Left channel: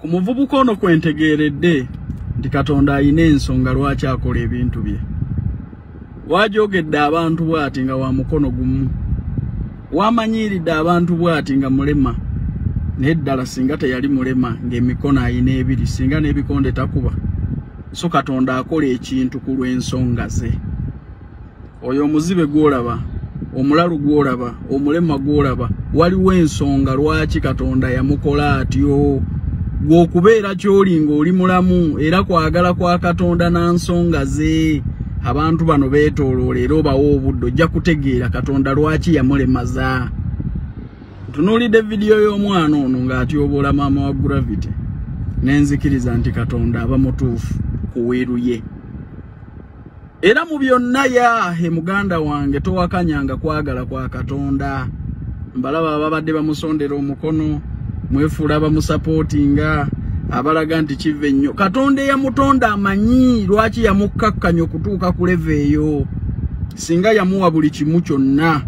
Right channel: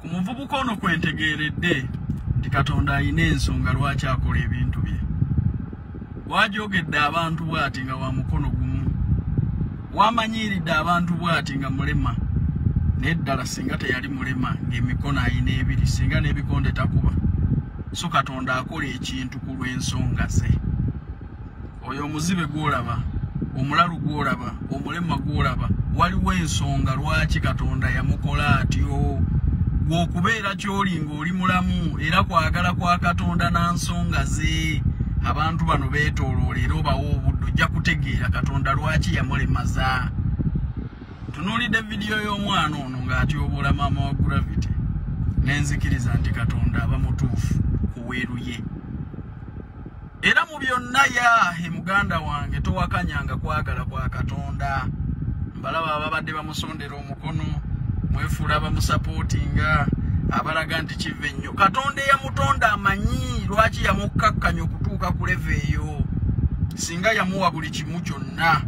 Ku muvubuka ono kwentegeeredde nti Katonda ayina ensonga lwaki akola ebintu bye. Wajoogedde abantu bw'ati nga wa mukono gumu. Wamanyiiridde abantu bw'ati nga mulema. Naye ddala singa teyali mulema ng'emikono ayina ebiri, singa n'ebikonde takuba. So Katonda akola ekintu ku lw'ensonga ze. Oyo omuzibe gw'olaba, omulalu gw'olaba, omulema gw'olaba, waliwo ensonga lwaki Katonda yamukola atyo. Gw'okubeera ky'oli ng'oli mulamu era kwagala kwa Katonda na nsonga ze. Abantu bano beetooloola era obawa obudde ojja kutegeera Katonda lwaki yamulemaza. Tunuulidde vidiyo y'omwana ono ng'atyoboola maama wa Gravity. Nenzikiriza nti Katonda aba mutuufu ku weeruye. Era mu byonna yahe muganda wange towakanyanga kwagala kwa Katonda. Mbalaba ababadde bamusondera omukono, mwefuula bamusapootinga, abalaga nti kive nnyo. Katonda yamutonda amanyi lwaki yamukkakkanya okutuuka ku leve eyo. Singa yamuwa buli kimu kyonna,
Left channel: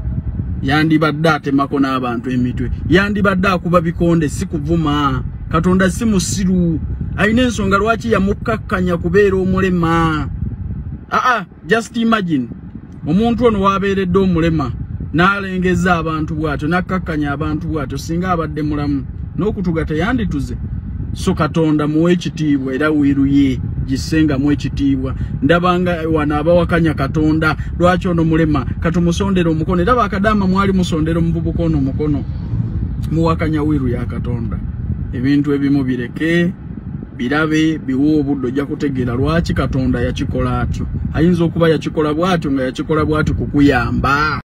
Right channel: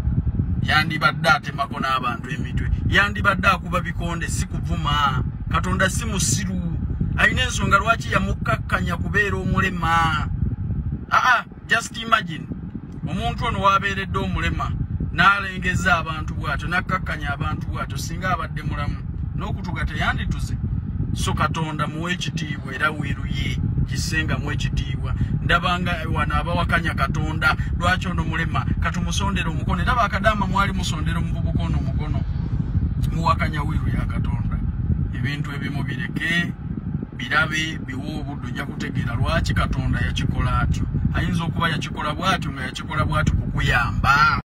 yandibadde atemako n'abantu emitwe, yandibadde akuba bikonde, si kuvuma. Katonda si musiru, ayina ensonga lwaki yamukkakkanya kubeera omulema. Just imagine omuntu ono wabeeredde omulema n'alengeza abantu bw'atyo, n'akkakkanya abantu bw'atyo, singa abadde mulamu n'okutuga teyandituze. So Katonda muwe ekitiibwa era wiruye gisengamu ekitiibwa. Ndabanga wano abawakanya Katonda lwaki ono mulema katumusondera omukono, era bakadama mwali musondera omuvubuka ono omukono, muwakanya wiru ya Katonda. Ebintu ebimu bireke birabe biwo obudde ojja kutegeera lwaki Katonda yakikola atyo. Ayinza okuba yakikola bw'atyo nga yakikola bw'atyo kukuyamba.